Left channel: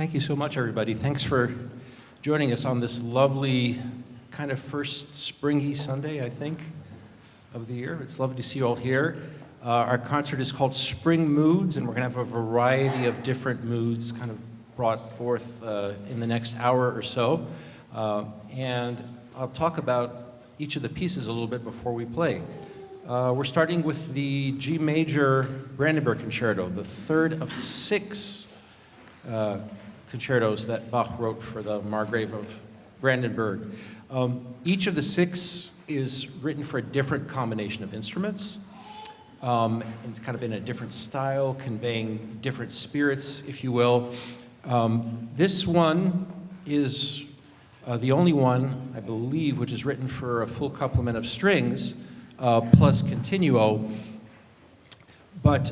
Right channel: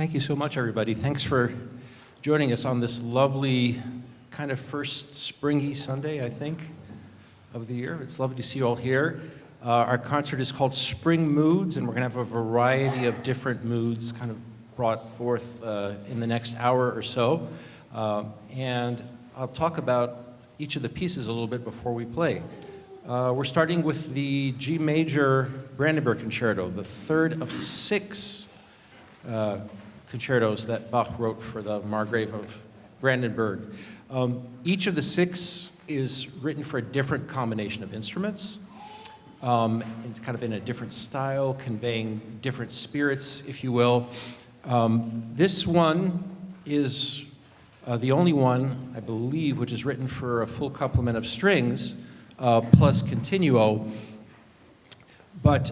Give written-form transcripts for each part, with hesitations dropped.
Thank you so much, everybody. Thanks for joining us on this lovely, kind of first springy Sunday, I think, of the year. It's lovely to see you all here. Our concert is called Spring Moods, and we're going to have a variety of different moods kind of brought forth in the next hour or so. And I'll talk about each of the pieces a little bit before we play. We're starting with the G major Brandenburg Concerto, the third of six concertos that Bach wrote for the Margrave of Brandenburg. Each of the six is written for a different combination of instruments, and kind of in a different style, conveying different spirits, if you will. This one is the only one, I believe, which is written for a full complement of strings, plus continuo. But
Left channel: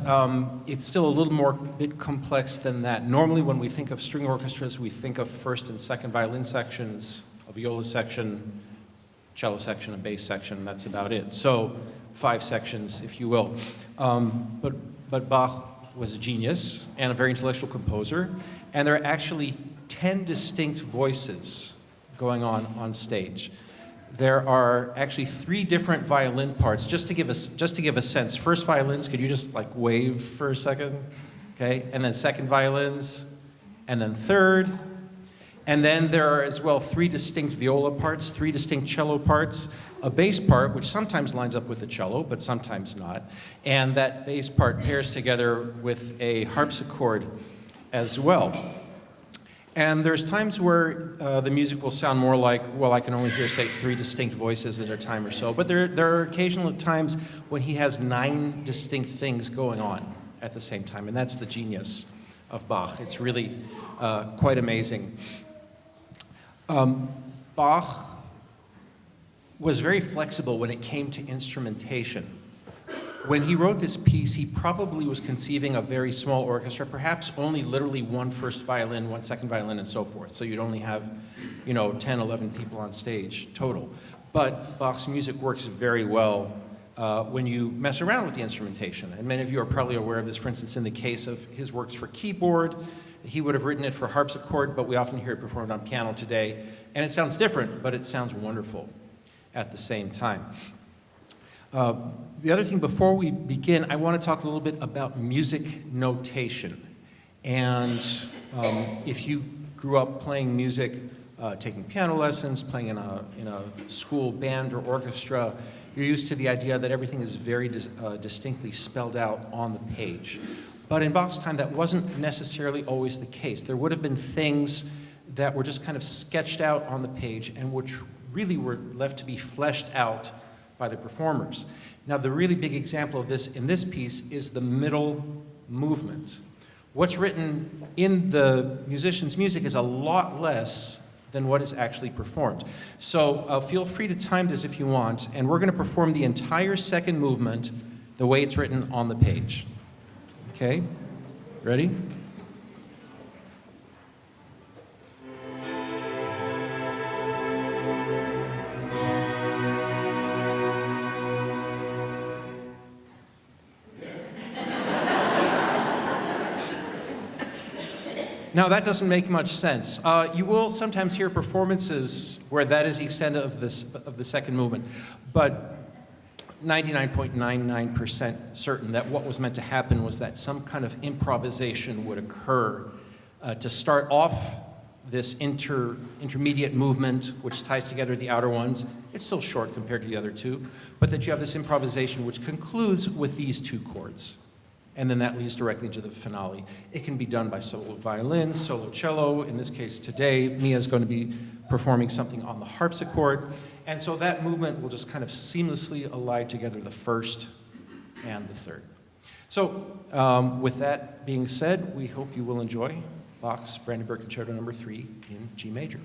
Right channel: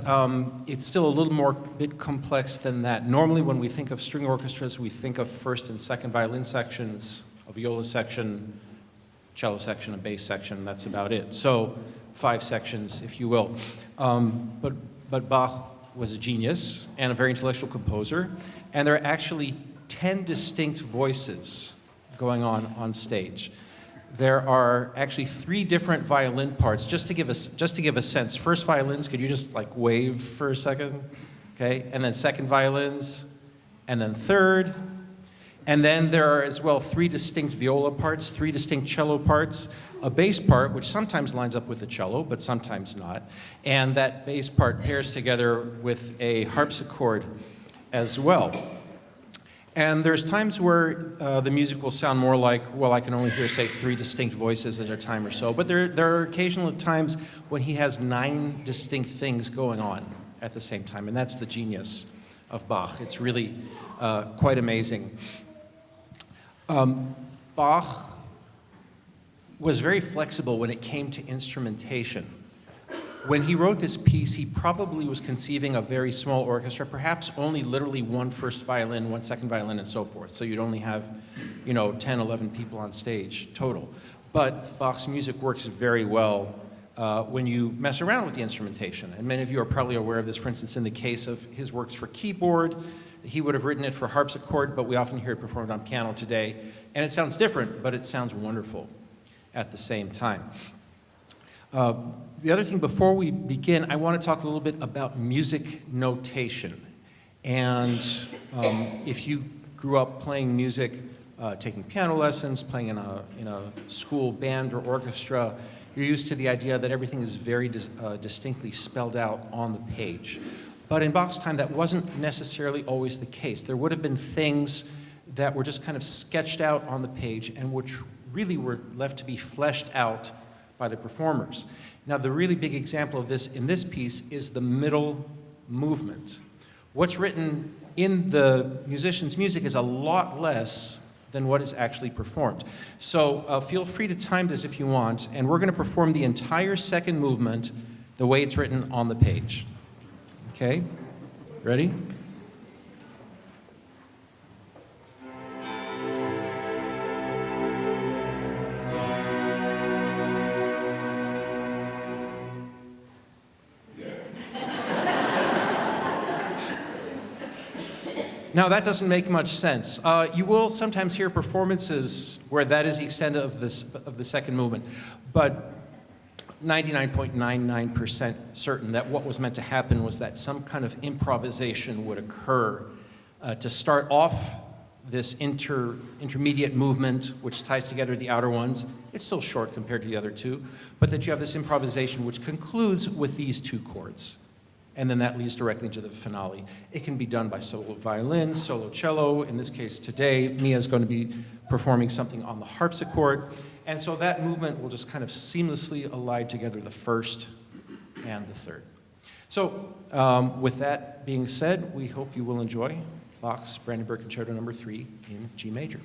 it's still a little more bit complex than that. Normally, when we think of string orchestras, we think of first and second violin sections, a viola section, cello section, a bass section. That's about it. So 5 sections, if you will. But Bach was a genius and a very intellectual composer, and there are actually 10 distinct voices going on stage. There are actually 3 different violin parts. Just to give a sense, first violins, could you just like wave for a second? Okay, and then second violins, and then third. And then there are as well 3 distinct viola parts, 3 distinct cello parts, a bass part, which sometimes lines up with the cello, but sometimes not. And that bass part pairs together with a harpsichord as well. And there's times where the music will sound more like, well, I can only hear, say, 3 distinct voices at a time or so. But there are occasional times when he has 9 distinct things going on at the same time. And that's the genius of Bach. It's really quite amazing. Bach was very flexible when it came to instrumentation. When he wrote this piece, he probably was conceiving a very small orchestra, perhaps only literally 1 first violin, 1 second violin, and so forth. So you'd only have, 10, 11 people on stage total. But Bach's music works very well when you mess around with the instrumentation. And many of you are probably aware of this, for instance, in the case of his works for keyboard. He would have written it for harpsichord, but we often hear it performed on piano today. And it sounds different, but it sounds wonderful at the same time. The other thing, before we begin, I want to talk a little bit about music notation. And if you grew up playing music, taking piano lessons, playing in a school band or orchestra, you're used to the idea that everything is very distinctly spelled out on the page. But in Bach's time, that wasn't necessarily always the case. There would have been things that were just kind of sketched out on the page and which really were left to be fleshed out by the performers. Now, the really big example of this in this piece is the middle movement. What's written in the musician's music is a lot less than what is actually performed. So feel free to time this if you want, and we're going to perform the entire second movement the way it's written on the page. Okay? Ready? Now, that doesn't make much sense. You will sometimes hear performances where that is the extent of the second movement, but 99.99% certain that what was meant to happen was that some kind of improvisation would occur to start off this intermediate movement, which ties together the outer ones. It's still short compared to the other 2, but that you have this improvisation which concludes with these 2 chords. And then that leads directly into the finale. It can be done by solo violin, solo cello. In this case today, Mia's going to be performing something on the harpsichord. And so that movement will just kind of seamlessly align together the first and the third. So with that being said, we hope you will enjoy Bach's Brandenburg Concerto No. 3 in G major.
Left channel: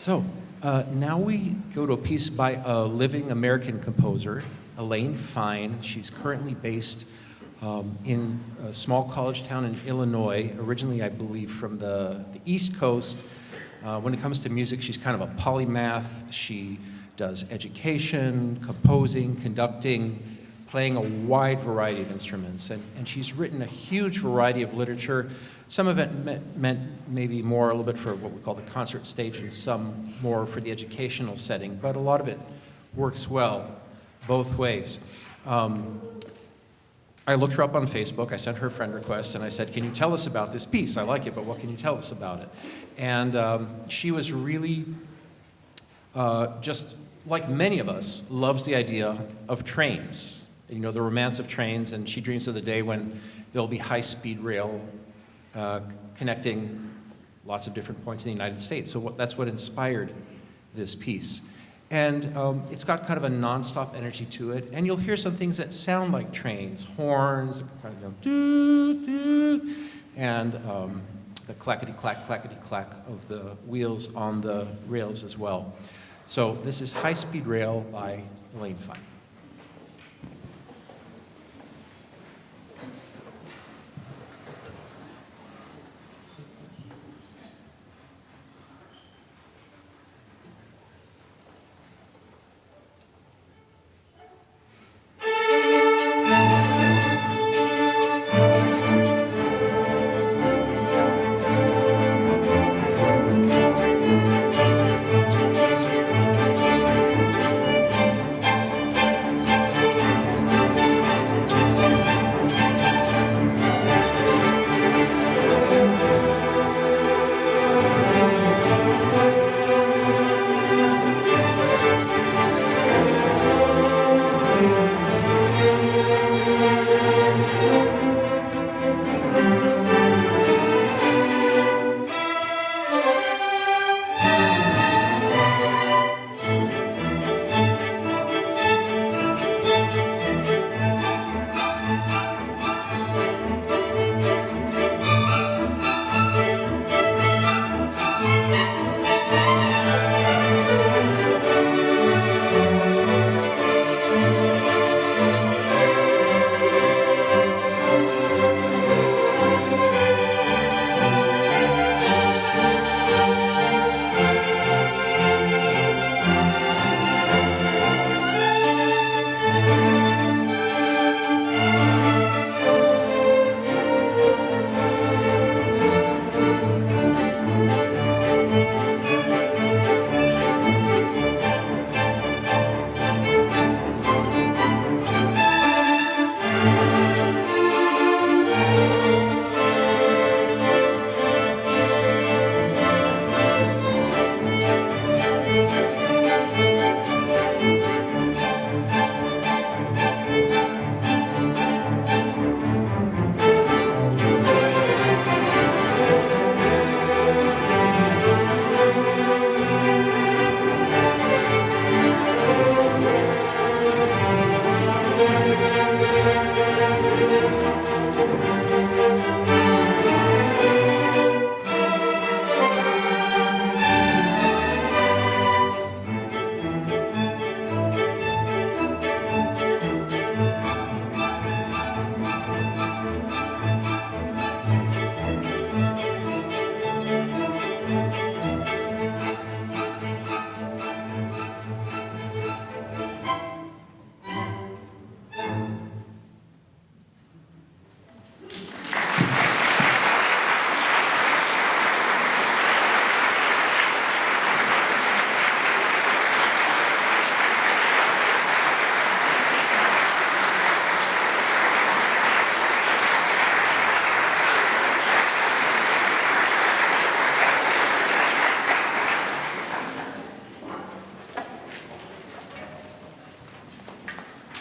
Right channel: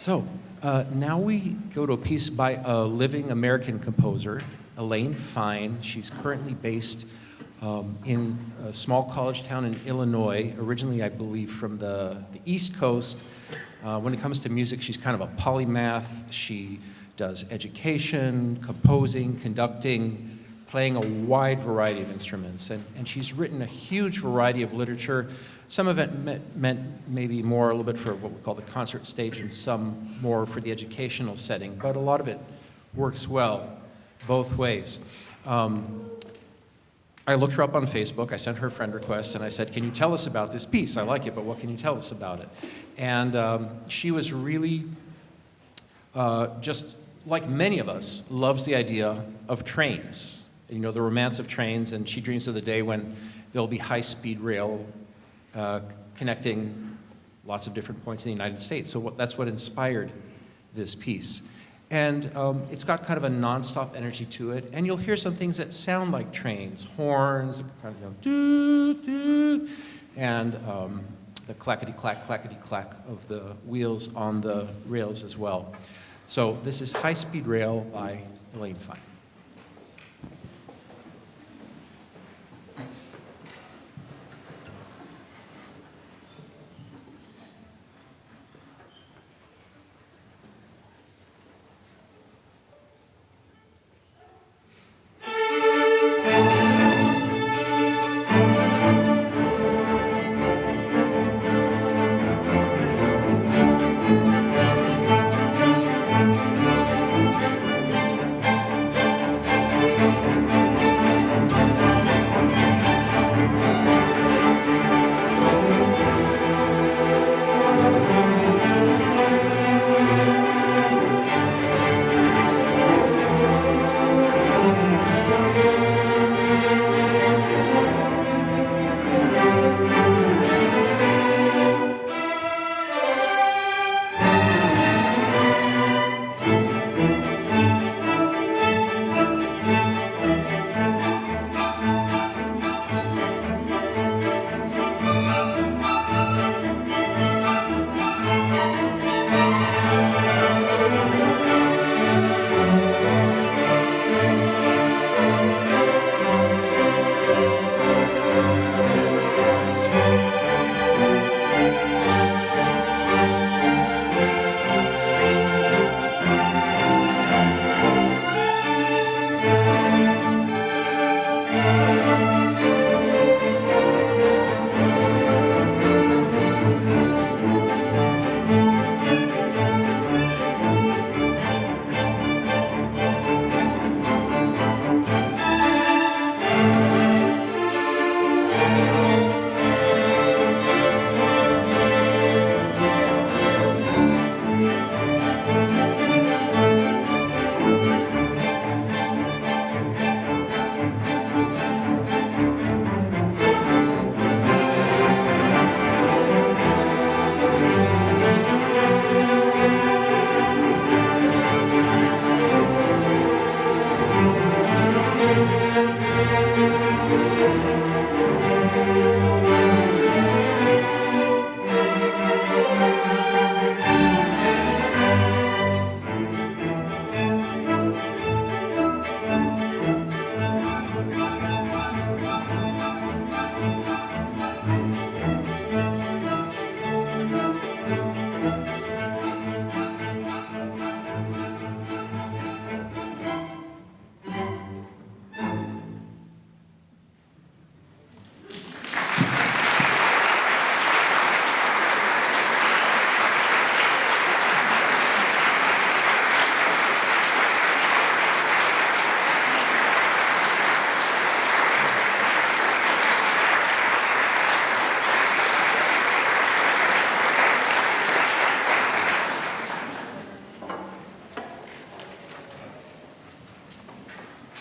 So now we go to a piece by a living American composer, Elaine Fine. She's currently based in a small college town in Illinois, originally, I believe, from the East Coast. When it comes to music, she's kind of a polymath. She does education, composing, conducting, playing a wide variety of instruments. And she's written a huge variety of literature. Some of it meant maybe more a little bit for what we call the concert stage and some more for the educational setting, but a lot of it works well both ways. I looked her up on Facebook, I sent her a friend request, and I said, can you tell us about this piece? I like it, but what can you tell us about it? And she was really, just like many of us, loves the idea of trains. You know, the romance of trains, and she dreams of the day when there'll be high-speed rail connecting lots of different points in the United States. So that's what inspired this piece. And it's got kind of a nonstop energy to it, and you'll hear some things that sound like trains, horns, kind of, you know, doo, doo, and the clackety-clack of the wheels on the rails as well. So this is High Speed Rail by Elaine Fine.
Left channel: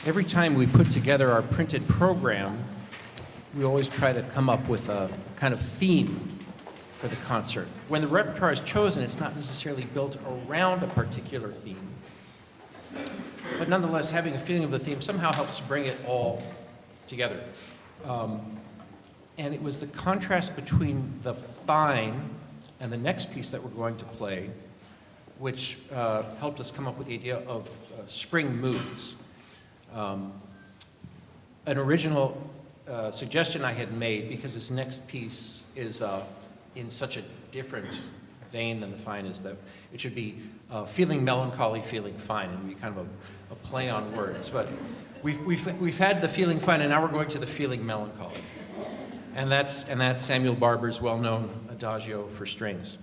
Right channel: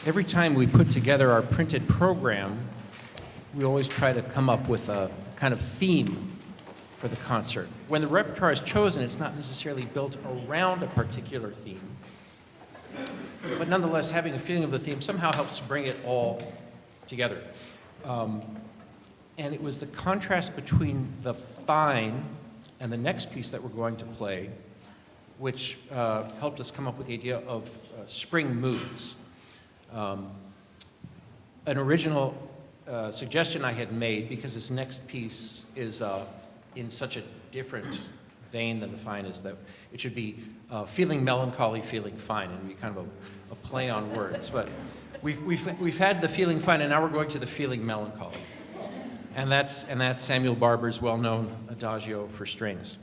Every time we put together our printed program, we always try to come up with a kind of theme for the concert. When the repertoire is chosen, it's not necessarily built around a particular theme, but nonetheless, having a feeling of the theme somehow helps bring it all together. And it was the contrast between the fine and the next piece that we're going to play which helped us come up with the idea of spring moods. An original suggestion I had made, because this next piece is in such a different vein than the fine, is that it should be feeling melancholy, feeling fine, and be kind of a play on words. But we've had the feeling fine, and now we're going to the feeling melancholy. And that's Samuel Barber's well-known Adagio for strings.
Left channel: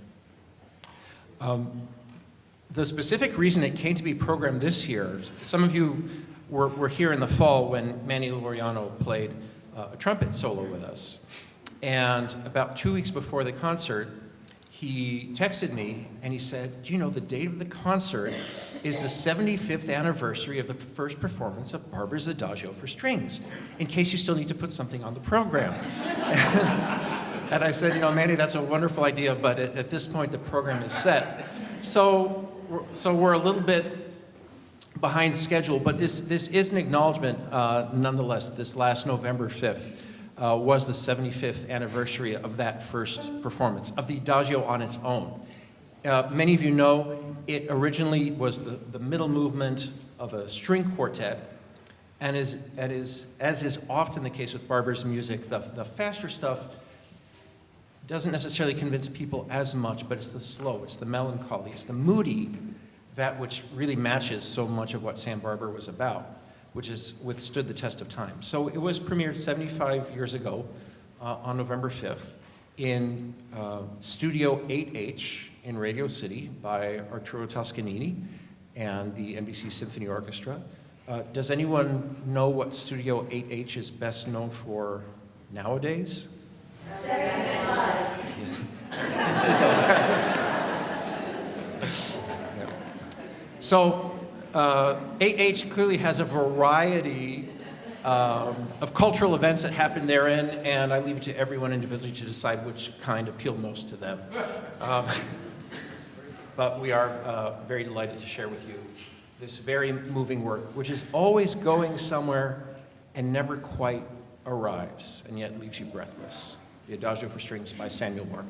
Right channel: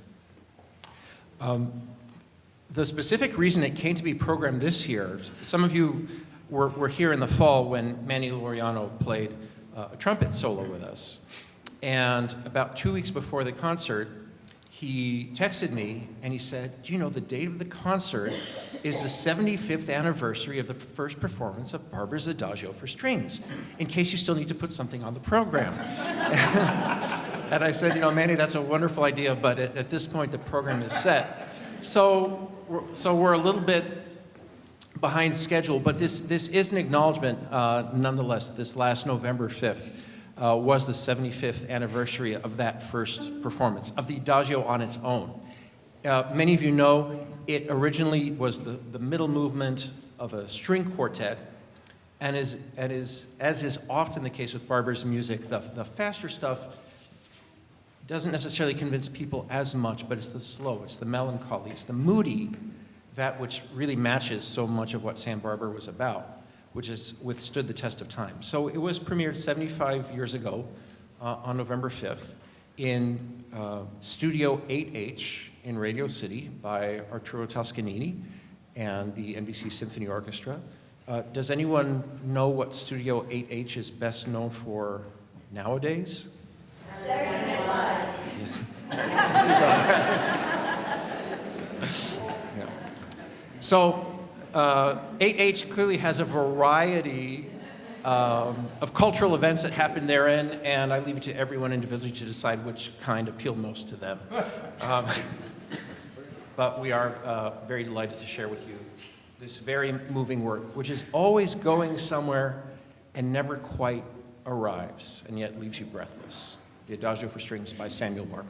The specific reason it came to be programmed this year, some of you were here in the fall when Manny Laureano played a trumpet solo with us. And about 2 weeks before the concert, he texted me and he said, "Do you know the date of the concert is the 75th anniversary of the first performance of Barber's Adagio for strings, in case you still need to put something on the program." And I said, "Manny, that's a wonderful idea, but at this point the program is set." So we're a little bit behind schedule, but this is an acknowledgement nonetheless. This last November 5th was the 75th anniversary of that first performance, of the Adagio on its own. Many of you know it originally was the middle movement of a string quartet, and as is often the case with Barber's music, the faster stuff doesn't necessarily convince people as much, but it's the slow, it's the melancholy, it's the moody, that which really matches so much of what Sam Barber was about, which has withstood the test of time. So it was premiered 75 years ago on November 5th in Studio 8H in Radio City by Arturo Toscanini and the NBC Symphony Orchestra. Does anyone know what Studio 8H is best known for nowadays? Saturday Night Live. Yeah. So 8H clearly has a variety of cultural events that happen therein, and I leave it to everyone individually to decide which kind appeal most to them. But we are very delighted to share with you this very moving work, which is always going somewhere and never quite arrives, and yet leaves you breathless. The Adagio for Strings by Samuel Barber.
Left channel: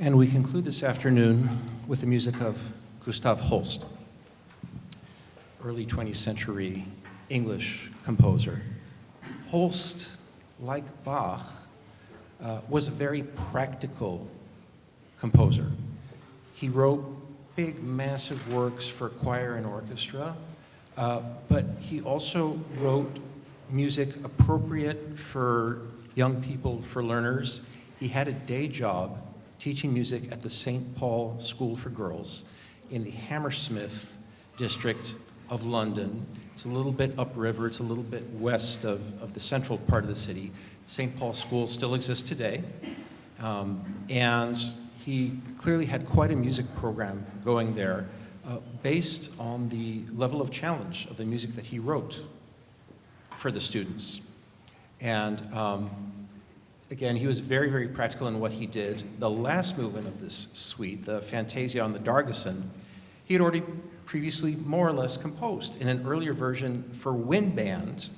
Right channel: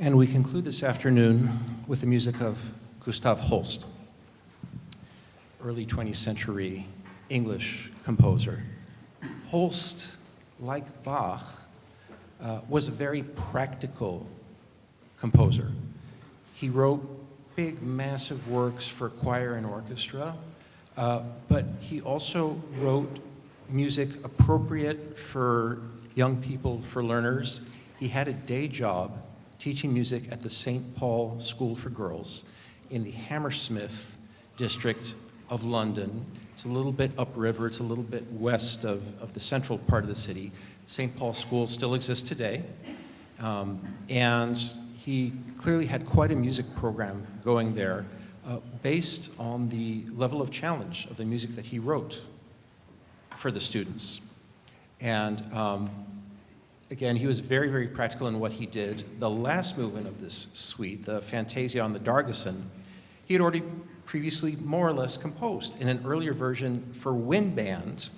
And we conclude this afternoon with the music of Gustav Holst, early 20th century English composer. Holst, like Bach, was a very practical composer. He wrote big, massive works for choir and orchestra, but he also wrote music appropriate for young people, for learners. He had a day job teaching music at the St. Paul School for Girls in the Hammersmith district of London. It's a little bit upriver, it's a little bit west of the central part of the city. St. Paul School still exists today, and he clearly had quite a music program going there based on the level of challenge of the music that he wrote for the students. And again, he was very, very practical in what he did. The last movement of this suite, the Fantasia on the Dargeson, he had already previously more or less composed in an earlier version for wind band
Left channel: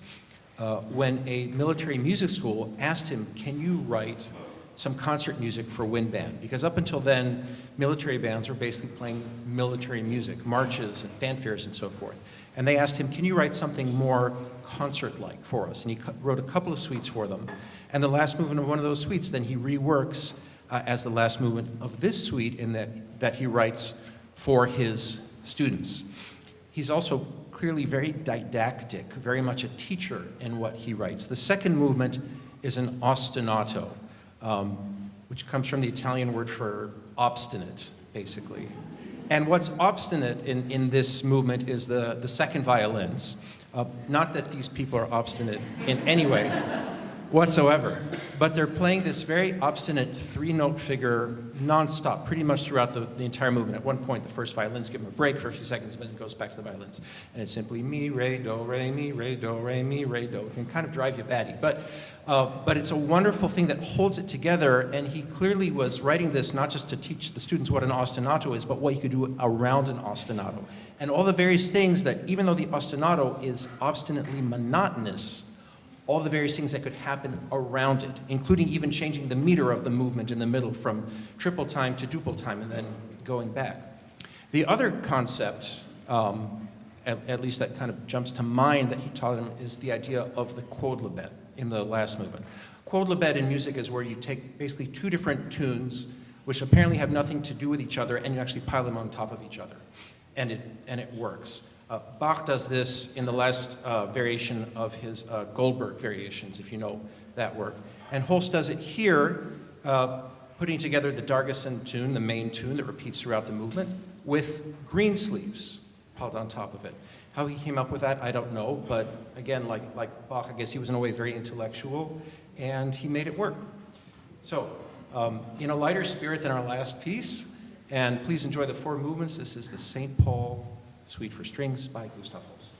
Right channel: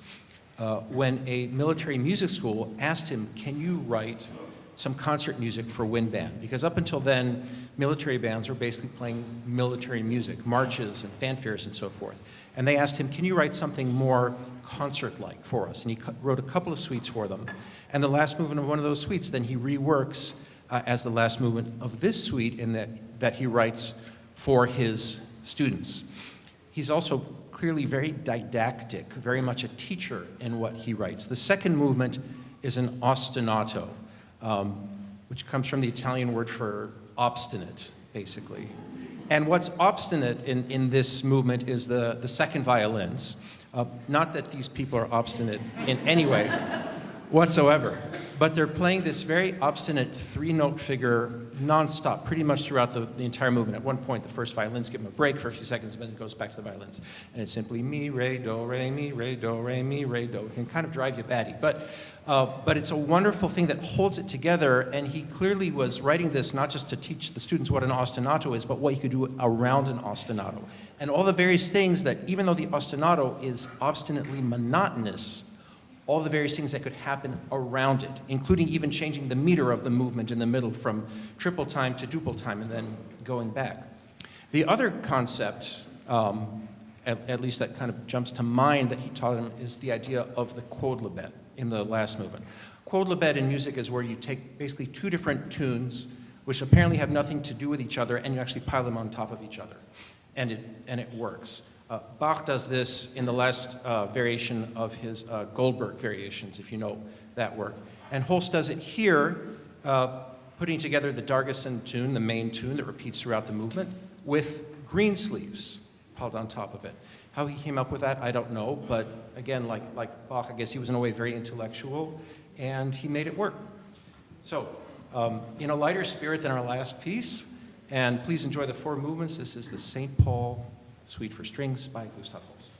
when a military music school asked him, can you write some concert music for wind band? Because up until then, military bands were basically playing military music, marches and fanfares and so forth. And they asked him, can you write something more concert-like for us? And he wrote a couple of suites for them. And the last movement of one of those suites, then he reworks as the last movement of this suite in that he writes for his students. He's also clearly very didactic, very much a teacher in what he writes. The second movement is an ostinato, which comes from the Italian word for obstinate, basically. And what's obstinate in this movement is the second violins. Not that these people are obstinate in any way whatsoever, but they're playing this very obstinate three-note figure nonstop, pretty much throughout the entire movement. At one point, the first violins give them a break for a few seconds, but it goes back to the violins. And it's simply mi, re, do, re, mi, re, do, re, mi, re, do. It can kind of drive you batty. But it's a wonderful thing that holds it together, and he clearly was writing this not just to teach the students what an ostinato is, but what you could do around an ostinato. And all the various things that, even though the ostinato is obstinately monotonous, all the various things that could happen around it, including even changing the meter of the movement in the middle from triple time to duple time and then going back. The other concept, at least that kind of jumps to mind that he taught them, is the idea of the quodlibet in the last movement. Quodlibet in music is where you take basically two different tunes which apparently have nothing to do with each other and you actually pile them on top of each other. And it works. Bach does this in the last variation of his Goldberg variations, if you know that work. And Holst does it here, putting together the Dargeson tune, the main tune that repeats throughout the movement, with green sleeves piled on top of it. How he came up with that, I don't know, but again, like Bach, I guess he was in a way very intellectual, and he made it work. So, in a lighter spirit than our last piece, and please enjoy the four movements. This is the St. Paul Suite for Strings by Gustav Holst.